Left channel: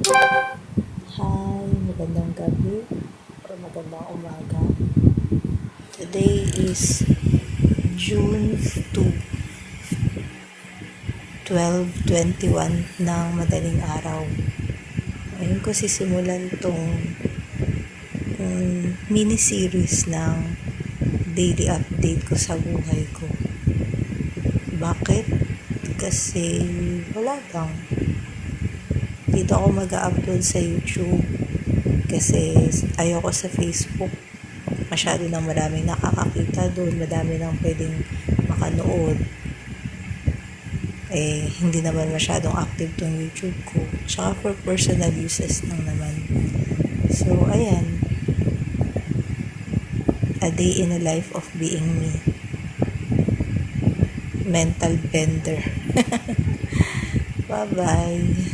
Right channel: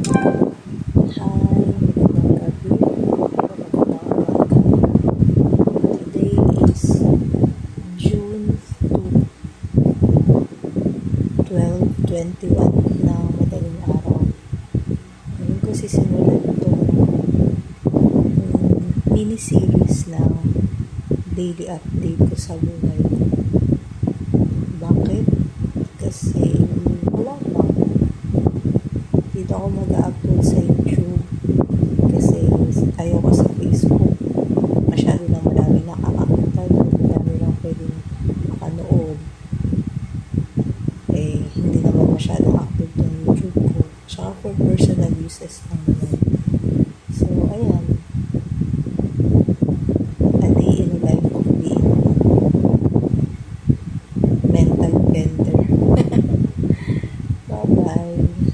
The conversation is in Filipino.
Hi, magandang gabi o magandang umaga. Today is June 2, 12:21 ng madaling araw. Ngayon ko sisimulan itong mini-series ng daily update ko sa buhay ko. Bakit? Kasi wala lang. Dito ako mag-upload sa YouTube kasi ayoko sa Facebook. Masyado nang maraming nakakakita doon, madami nang pwedeng makanood. Hindi naman masyadong active tong YouTube ko. Tsaka for personal uses lang naman. So, ayan. A day in a life of being me. Mental blender. Bye-bye.